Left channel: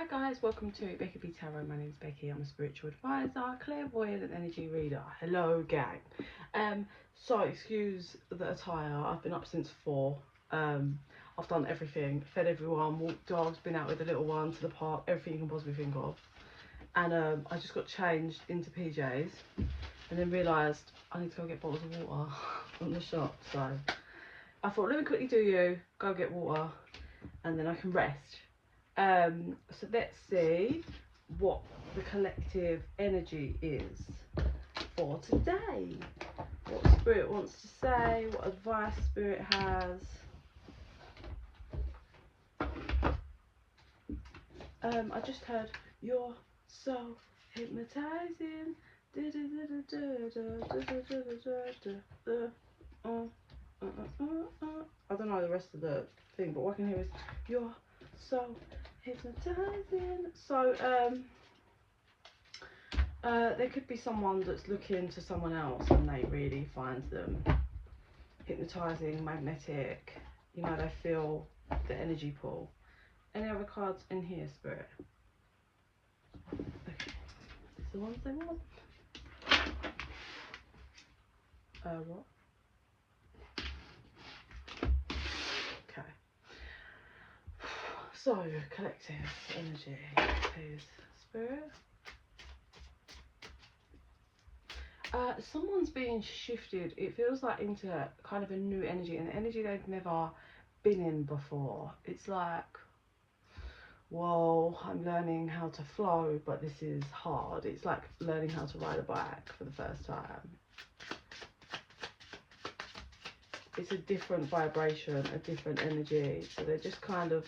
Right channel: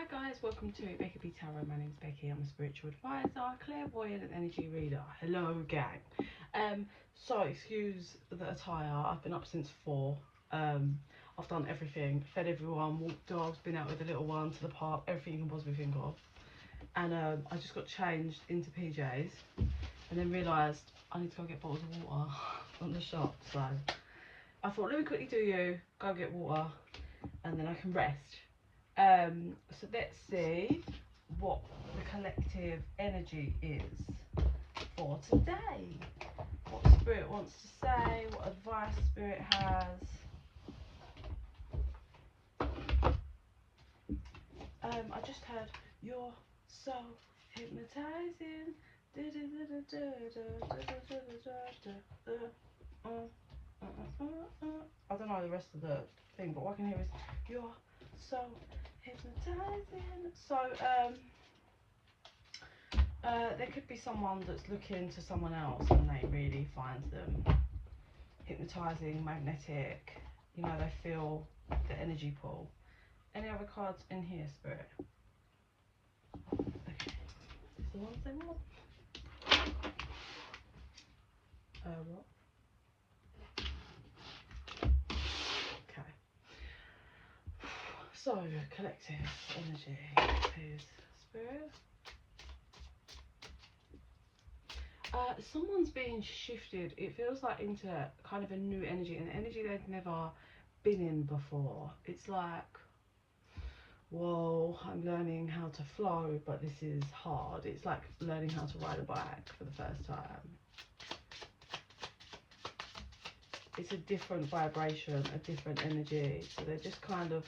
Hi guys, welcome to Becky Tarot. My name is Becky. I'm a spiritual advisor, clairvoyant and energy reader. Hello gang. So excuse the attire. I've been up since 4. I've done everything, fed everyone, walked dogs, been out with the little one to the park, everything you can possibly think of. And I just got changed into PJs and then realised I need to go get bottles of water from the shop. So I thought, let me quickly do you, go get water and then I can rest. So let's see what the collective energy is for today. What Spirit wants to say, what advice Spirit has. I just heard, you're so hypnotizing. I don't know the rest of the thing, but what I can hear is, you're so hypnotizing. So there could be someone that's looking to someone else and they really find them hypnotizing, magnetic, you know, they feel the energy pull. Any other cards in here, Spirit? Okay, these are the ones they want. What? Okay. So, collective energy, please, Spirit. Someone's being shifted, it feels like, into kind of a new energy, an energy they've never been in before. It's like, whoa, I'm learning how to flow, but this is hard. It's like learning how to ride a bike for the first time. It's a different vibration, a different energy. So they're just kind of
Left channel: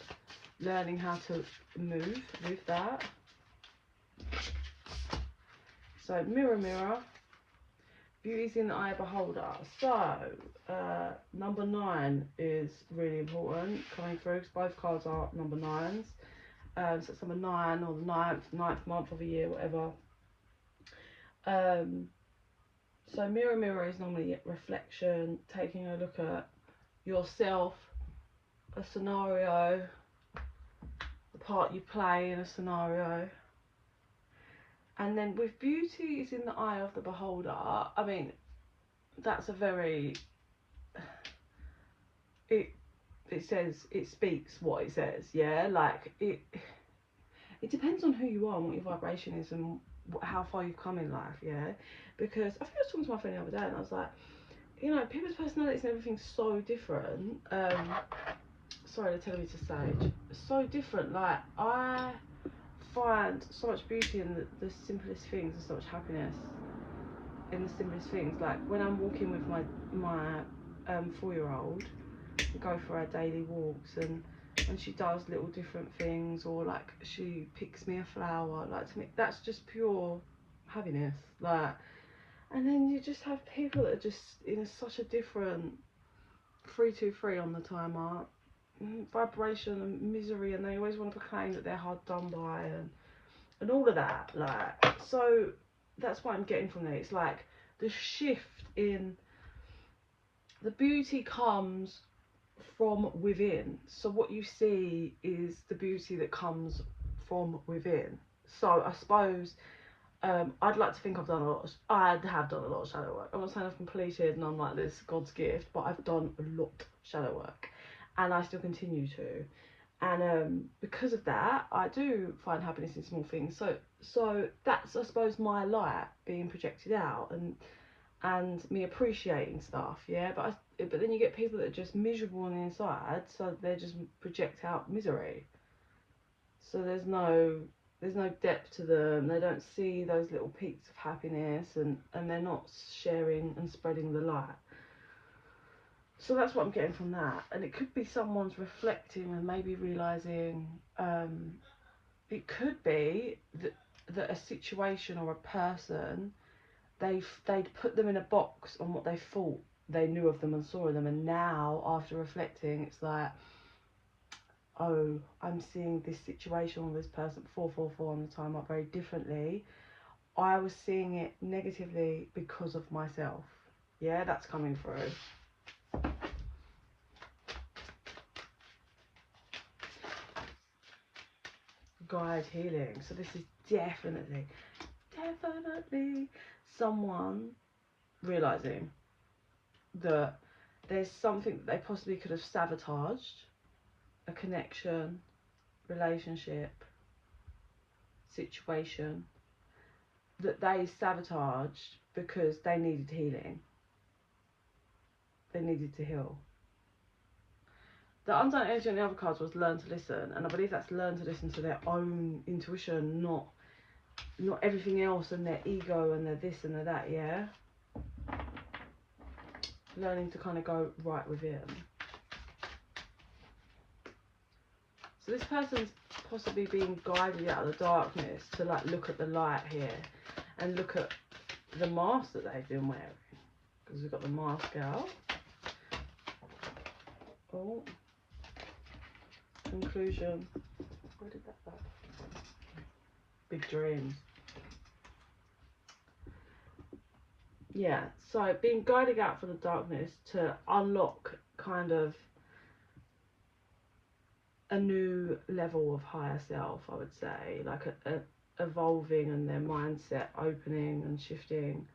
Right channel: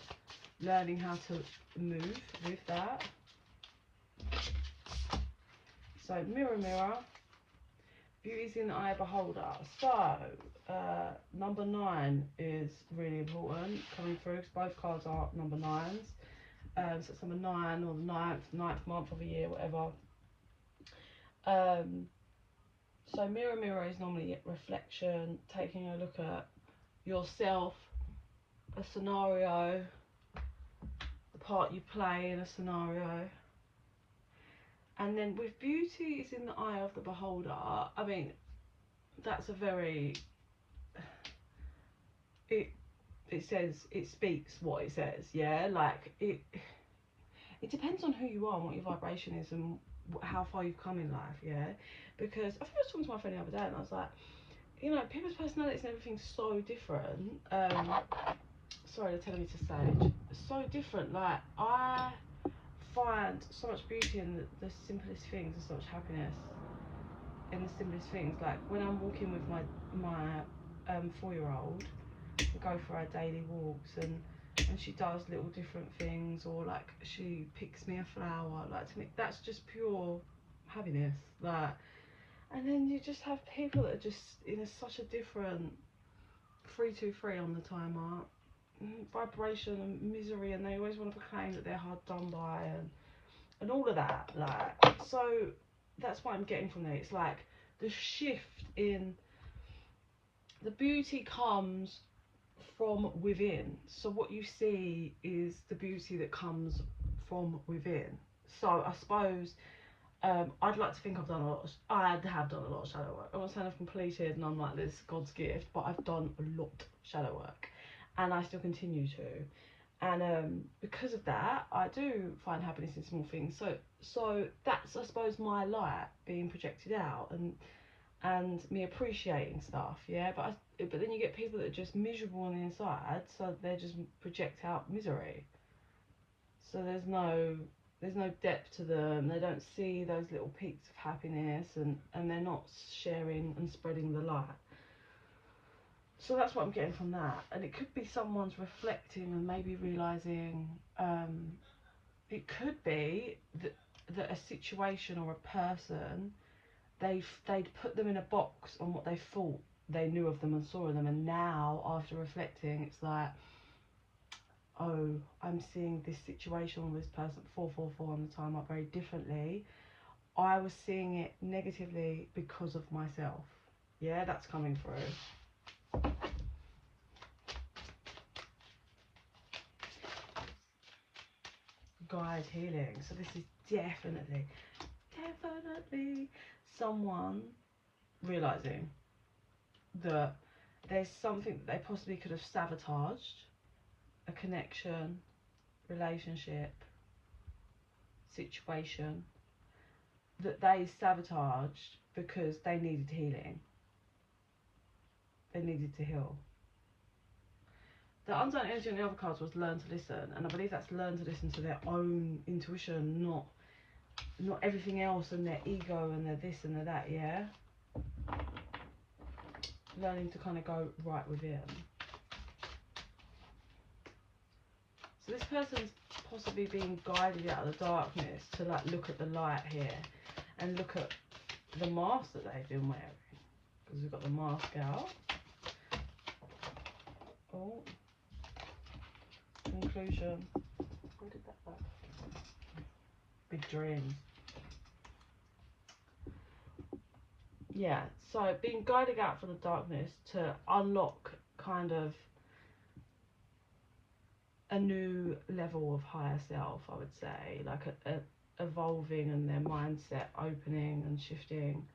learning how to move with that. So mirror, mirror. Beauty's in the eye of the beholder. So number 9 is really important coming through because both cards are number 9s. So it's number 9 or the 9th month of the year, whatever. So mirror, mirror is normally reflection, taking a look at yourself, a scenario, the part you play in a scenario. And then with beauty is in the eye of the beholder, I mean, that's a very, it says, it speaks what it says, yeah? Like, it depends on who you are and what your vibration is and how far you've come in life, yeah? Because I think I was talking to my friend the other day and I was like, you know, people's personalities and everything's so different. Sorry, they're telling me to sage. So different, like, I find so much beauty in the simplest things and so much happiness in the simplest things. Like when I'm walking with my 4-year-old, we go for our daily walks and she does little different things, or like she picks me a flower. Like, to me that's just pure happiness. Like, and then you just have people that are just in such a different 323 on the timer, vibration and misery, and they always want to proclaim that they're hard done by and all of that. Like, so that's what I'm getting from there. It's like the shift in the beauty comes from within. So what you see is the beauty that comes from within. So I suppose I'd like to think I've done a lot. I have done a lot of shadow work. I'm not saying I've completed and I'm like this God's gift, but I've done a lot of shadow work. And I still continue to, and because of that, I do find happiness in small things. So that's, I suppose, my light being projected out, and me appreciating stuff, yeah. But then you get people that are just miserable on the inside, so they just project out misery. So there's no depth to them. They don't see those little peaks of happiness, and they're not sharing and spreading the light. So that's what I'm getting from that. And it could be someone's reflecting and maybe realising, it could be that a situation or a person, they'd put them in a box on what they thought they knew of them and saw of them, and now after reflecting it's like, oh, I'm seeing this situation or this person 444 on the time up very differently. I was seeing it negatively because of myself. Yeah, that's coming through. guide healing. So this is definitely someone realizing that there's something that they possibly could have sabotaged, a connection, relationship, situation, that they sabotaged because they needed healing. They needed to heal. The unseen energy on the other cards was learn to listen, and I believe that's learn to listen to their own intuition, not everything else and their ego and their this and their that, yeah? Learning to kind of go right within. So this person's possibly being guided out of the darkness to like look at the light here and look at the mask that they've been wearing. Because we've got the mask out. Oh. Conclusion. Where did that go? Big dreams. Yeah, so being guided out from the darkness to unlock kind of a new level of higher self, I would say, like a evolving and their mindset opening and shifting,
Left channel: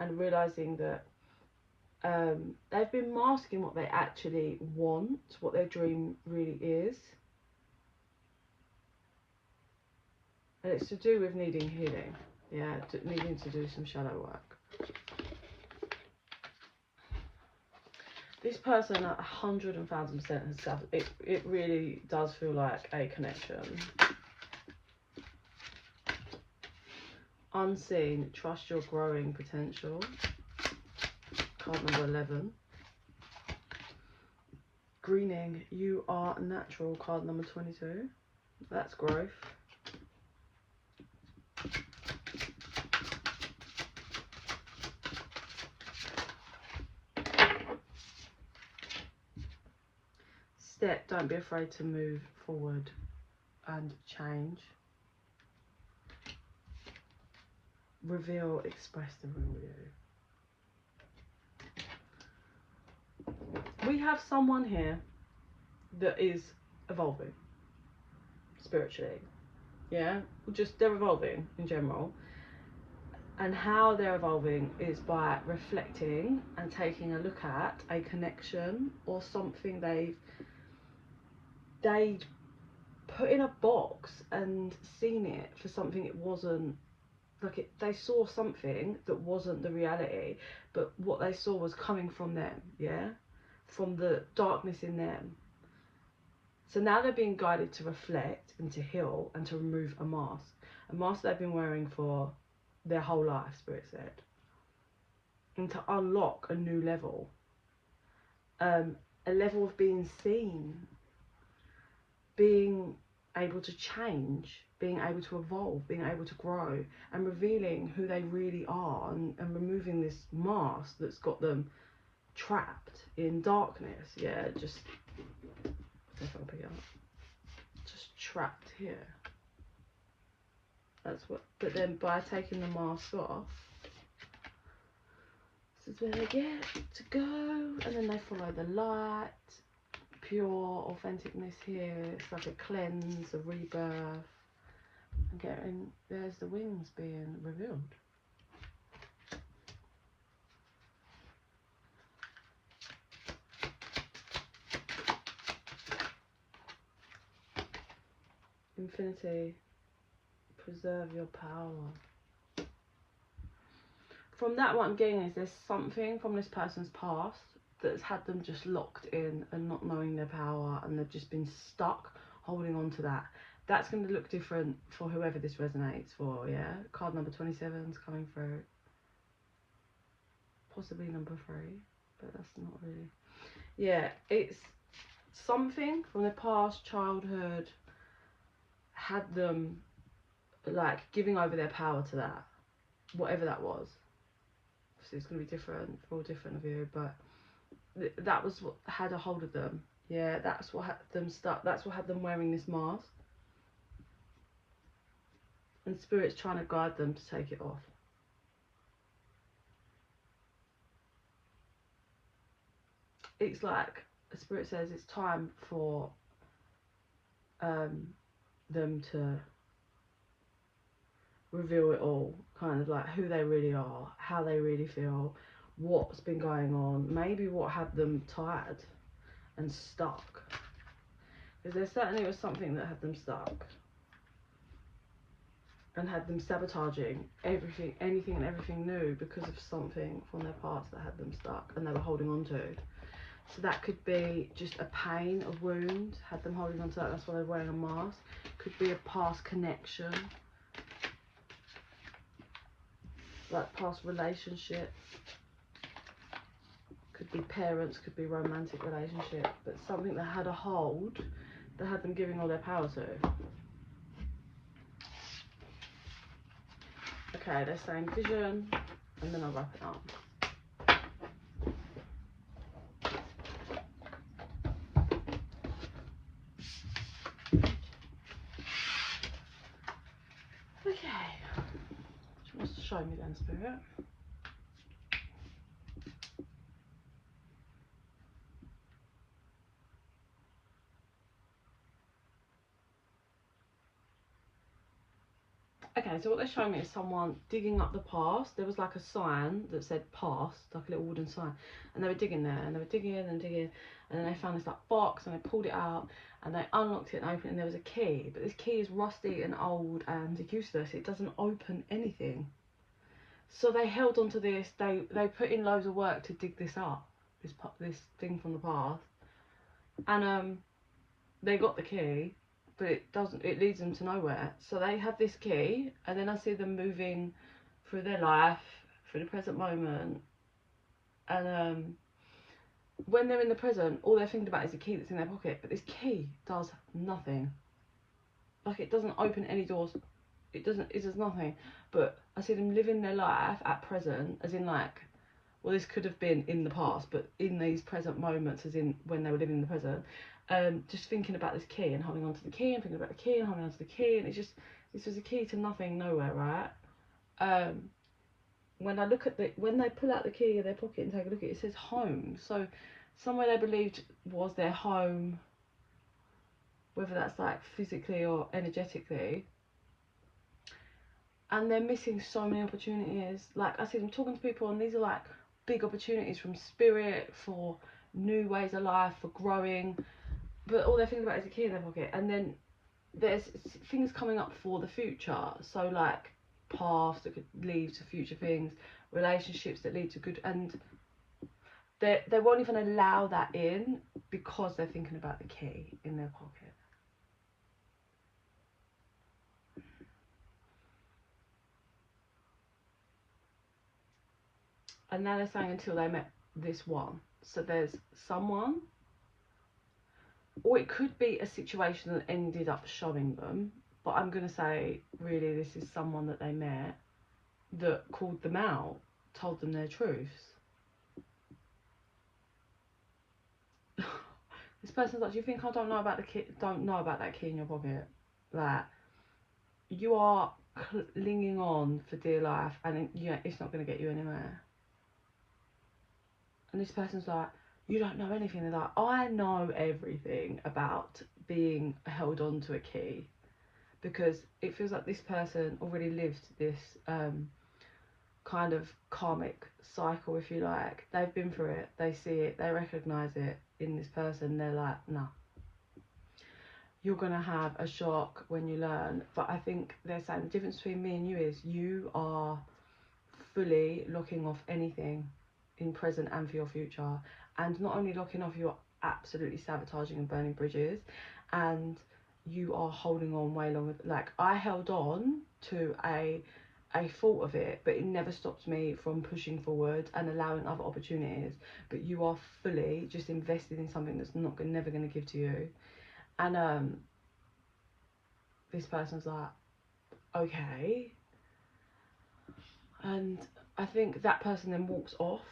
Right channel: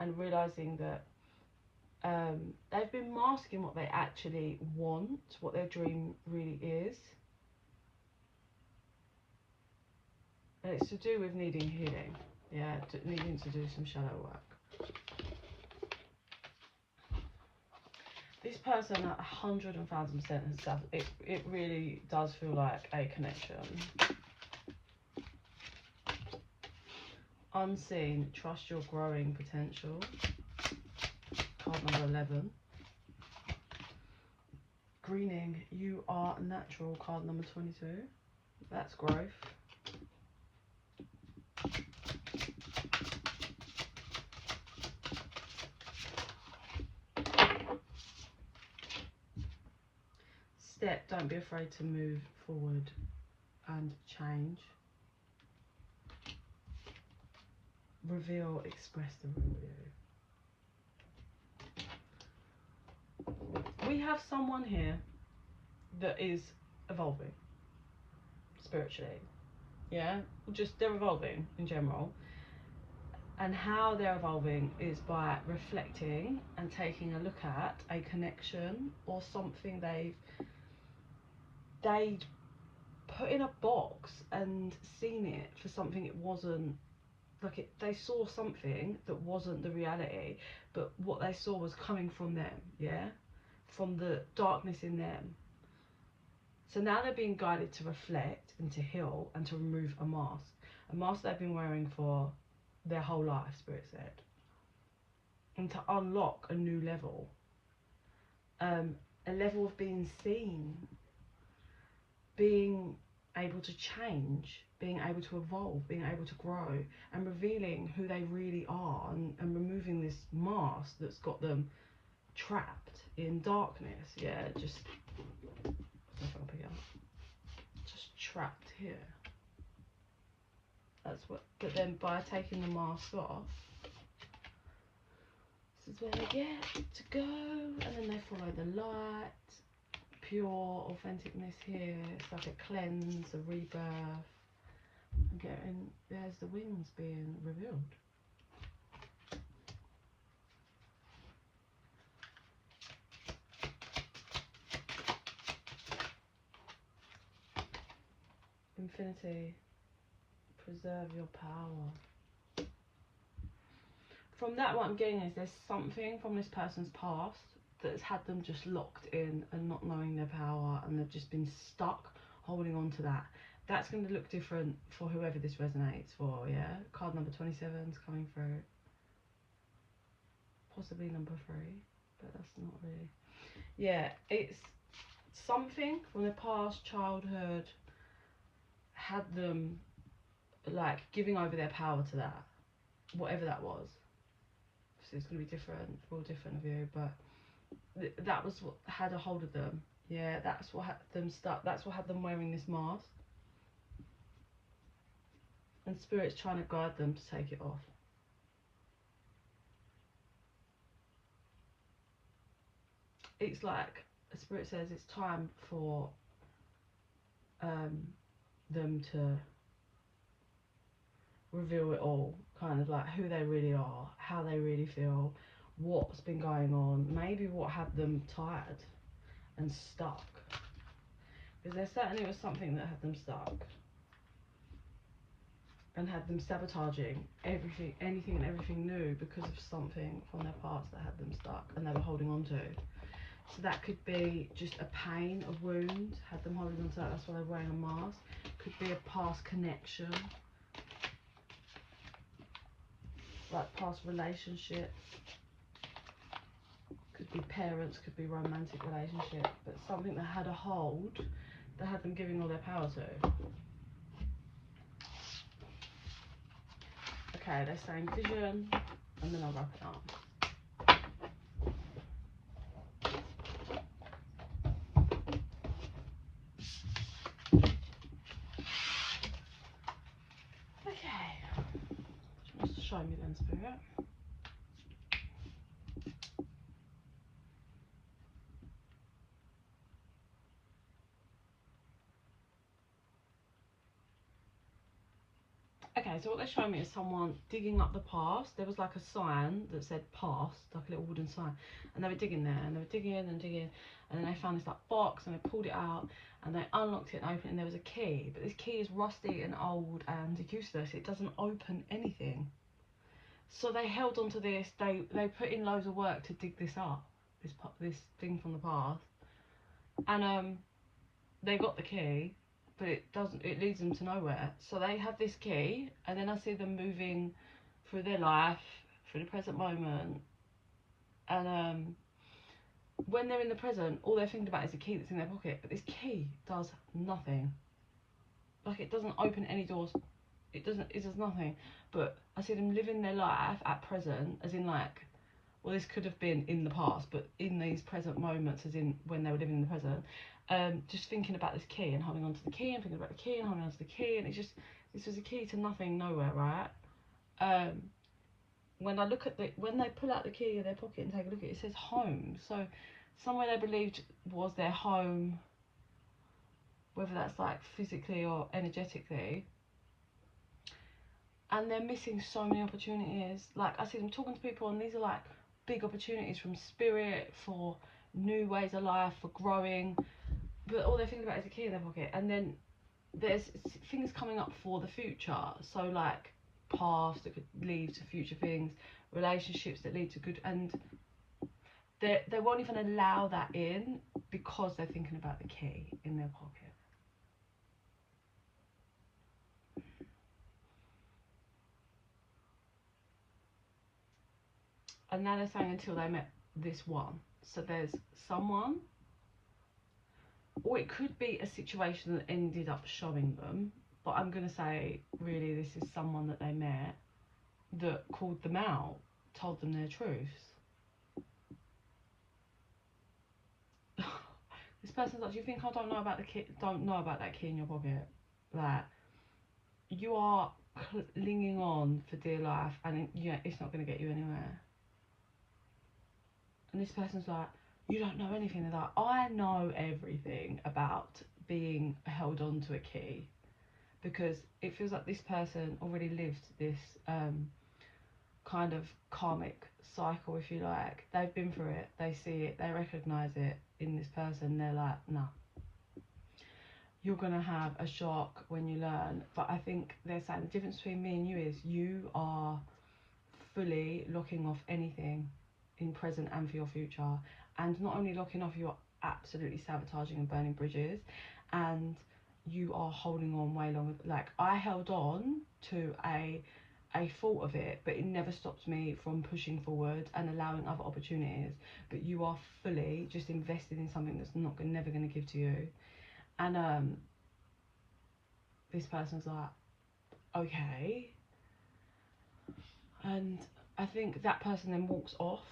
and realizing that they've been masking what they actually want, what their dream really is, and it's to do with needing healing, yeah, needing to do some shadow work. This person 100,000% has it really does feel like a connection. Unseen, trust your growing potential. Card number 11. Greening, you are natural. Card number 22. That's growth. Step, don't be afraid to move forward and change. Reveal, express the real you. We have someone here that is evolving spiritually, yeah, just they're evolving in general, and how they're evolving is by reflecting and taking a look at a connection or something they'd put in a box and seen it for something it wasn't. Like they saw something that wasn't the reality, but what they saw was coming from them, yeah, from the darkness in them. So now they're being guided to reflect and to heal and to remove a mask they've been wearing for their whole life, Spirit said, and to unlock a new level, a level of being seen, being able to change, being able to evolve, being able to grow, and revealing who they really are, and removing this mask that's got them trapped in darkness, yeah, just, I don't know if I can pick it up, just trapped here. That's what, but then by taking the mask off, this is where they get to go, and then they follow the light, pure authenticness here. It's like a cleanse, a rebirth, and getting, there's the wings being revealed. Infinity, preserve your power. From that, what I'm getting is there's something from this person's past that's had them just locked in and not knowing their power, and they've just been stuck holding on to that. That's going to look different for whoever this resonates for, yeah? Card number 27 is coming through. Possibly number 3, but that's not really. Yeah, it's something from the past childhood had them like giving over their power to that, whatever that was. So it's going to be different for all different of you, but that was what had a hold of them. Yeah, that's what had them stuck. That's what had them wearing this mask. And Spirit's trying to guide them to take it off. It's like Spirit says it's time for them to reveal it all, kind of like who they really are, how they really feel, what's been going on, maybe what had them tired and stuck, because there certainly was something that had them stuck and had them sabotaging everything, anything and everything new, because of something from their past that had them stuck and they were holding on to. So that could be just a pain, a wound, had them holding on to that, that's why they're wearing a mask. Could be a past connection, like past relationship. Could be parents, could be romantic relationship, but something that had a hold, that had them giving all their power to. Okay, they're saying vision, and then I'll wrap it up. Okay, what wants to show me then, Spirit? Okay, so what they're showing me is someone digging up the past. There was like a sign that said past, like a little wooden sign, and they were digging there, and they were digging and digging, and then they found this like box, and they pulled it out, and they unlocked it and opened it, and there was a key, but this key is rusty and old and useless. It doesn't open anything. So they held on to this. They put in loads of work to dig this up, this thing from the past, and they got the key, but it leads them to nowhere. So they have this key, and then I see them moving through their life, through the present moment, and when they're in the present, all they're thinking about is the key that's in their pocket, but this key does nothing. Like, it doesn't open any doors, it does nothing. But I see them living their life at present, as in like, well, this could have been in the past, but in these present moments, as in when they were living in the present, just thinking about this key and holding on to the key and thinking about the key and holding on to the key, and it's just, this was a key to nothing, nowhere, right? When I look at when they pull out the key of their pocket and take a look at it, it says home. So somewhere they believed was their home, whether that's like physically or energetically, and they're missing so many opportunities. Like, I see them talking to people, and these are like big opportunities from spirit for new ways of life, for growing, but all they're thinking about is a key in their pocket. And then there's things coming up for the future, so like paths that could lead to future things, relationships that lead to good, and they won't even allow that in because they're thinking about the key in their pocket. And now they're saying until they met this one. So there's someone, or it could be a situation that ended up showing them, but I'm going to say really this is someone that they met that called them out, told them their truths. This person's like, do you think I don't know about the key? Don't know about that key in your pocket? Like, you are clinging on for dear life, and yeah, it's not going to get you anywhere. And this person's like, you don't know anything. They're like, I know everything about being held on to a key, because it feels like this person already lived this kind of karmic cycle, if you like. They've been through it, they see it, they recognise it in this person. They're like, nah, you're gonna have a shock when you learn. But I think they're saying the difference between me and you is you are fully locking off anything in present and for your future, and not only locking off, you're absolutely sabotaging and burning bridges, and you are holding on way longer. Like, I held on to a thought of it, but it never stopped me from pushing forward and allowing other opportunities. But you are fully just invested in something that's never going to give to you. And this person's like, okay. And I think that person then walks off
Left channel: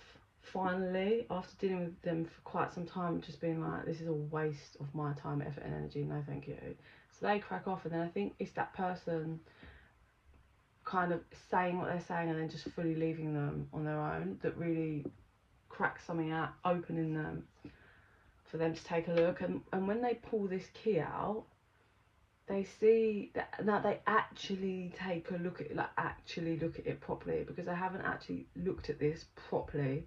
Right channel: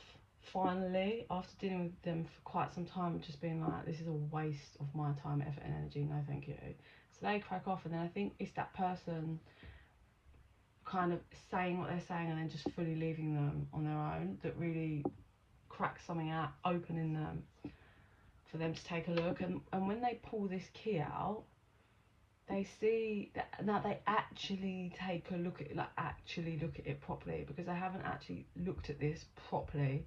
finally, after dealing with them for quite some time, just being like, this is a waste of my time, effort and energy, no thank you. So they crack off, and then I think it's that person kind of saying what they're saying and then just fully leaving them on their own that really cracks something out, opening them for them to take a look. And when they pull this key out, they see that now they actually take a look at it, like actually look at it properly, because they haven't actually looked at this properly.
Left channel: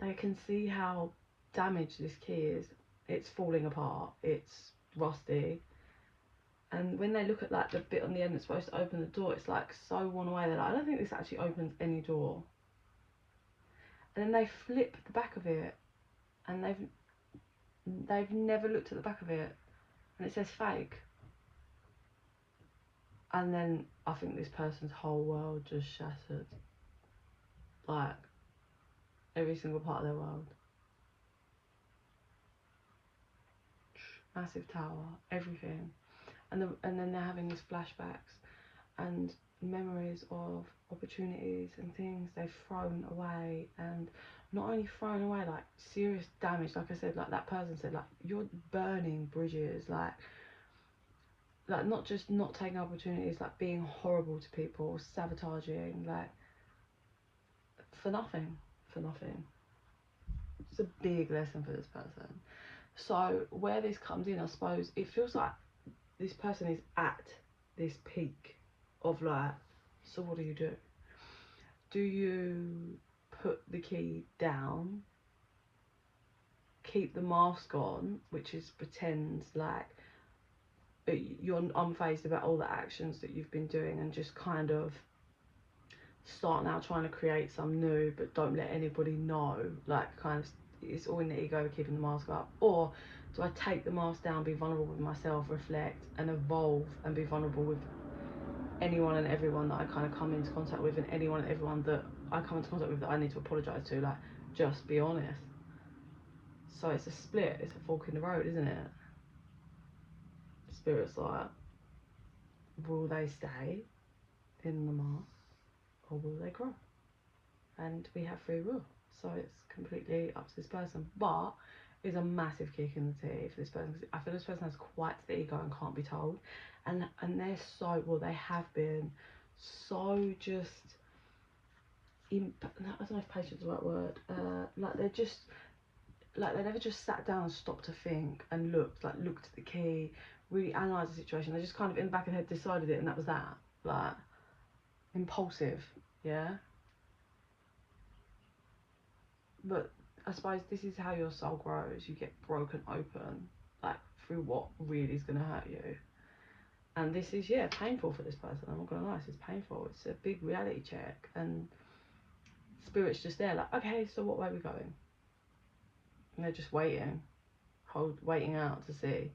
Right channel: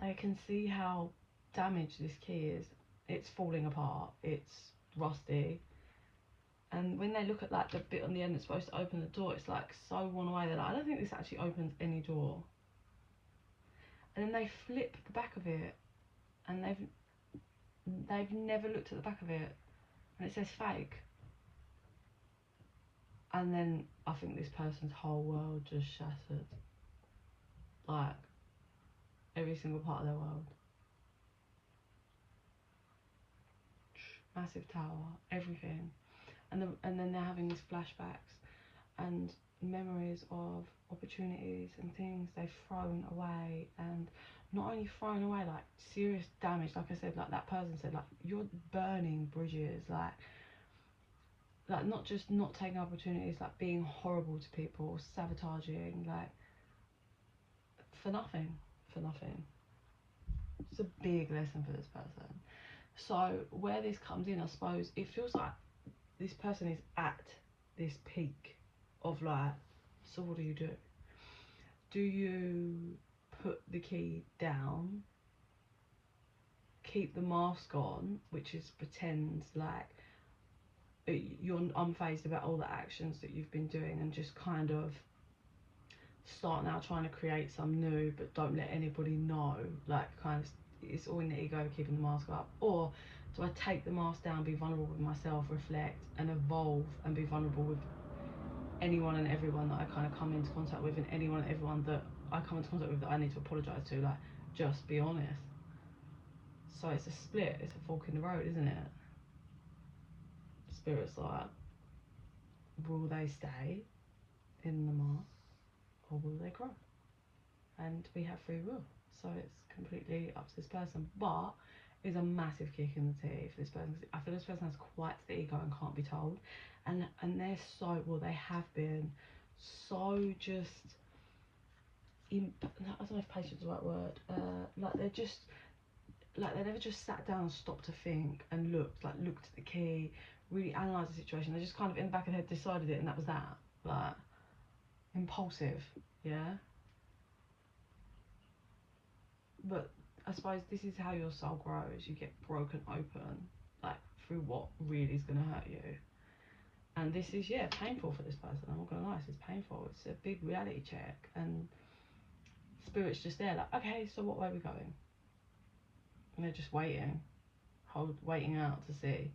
They can see how damaged this key is. It's falling apart, it's rusty, and when they look at like the bit on the end that's supposed to open the door, it's like so worn away. They're like, I don't think this actually opens any door. And then they flip the back of it, and they've never looked at the back of it, and it says fake. And then I think this person's whole world just shattered, like every single part of their world. Massive tower, everything, and then they're having these flashbacks and memories of opportunities and things they've thrown away, and not only thrown away, like serious damage. Like I said, like that person said, like you're burning bridges, like not just not taking opportunities, like being horrible to people, sabotaging, like for nothing. It's a big lesson for this person. So where this comes in, I suppose it feels like this person is at this peak of like, so what do? Do you put the key down, keep the mask on, which is pretend like you're unfazed about all the actions that you've been doing, and just kind of start now trying to create some new, but don't let anybody know, like kind of it's all in the ego of keeping the mask up? Or do I take the mask down, be vulnerable with myself, reflect and evolve, and be vulnerable with anyone and everyone that I kind of come into contact with, and anyone and everyone that I come into contact with that I need to apologise to, like just be honest? So it's a split, it's a fork in the road, isn't it? Spirit's like, will they stay in the mask or will they grow? And we have free will, so it's completely up to this person. But it's a massive kick in the teeth for this person. I feel this person has quite the ego and can't be told, and they're so, well, they have been so just I don't know if patience is the right word, like they're just like they never just sat down and stopped to think and looked at the key, really analysed the situation. They just kind of in the back of their head decided it, and that was that. Like impulsive, yeah. But I suppose this is how your soul grows. You get broken open, like through what really is going to hurt you. And this is, yeah, painful for this person. I'm not going to lie, this is painful. It's a big reality check. And Spirit's just there, like, okay, so what way are we going? And they're just waiting out to see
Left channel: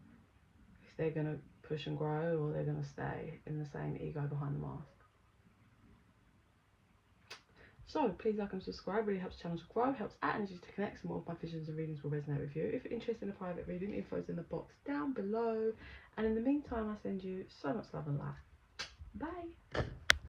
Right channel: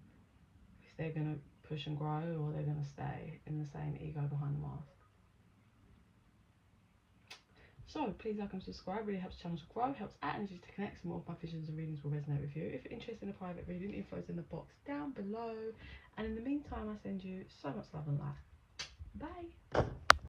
if they're going to push and grow, or they're going to stay in the same ego behind the mask. So please like and subscribe, really helps the channel to grow, helps add energy to connect. Some more of my visions and readings will resonate with you. If you're interested in a private reading, info is in the box down below. And in the meantime, I send you so much love and light. Bye.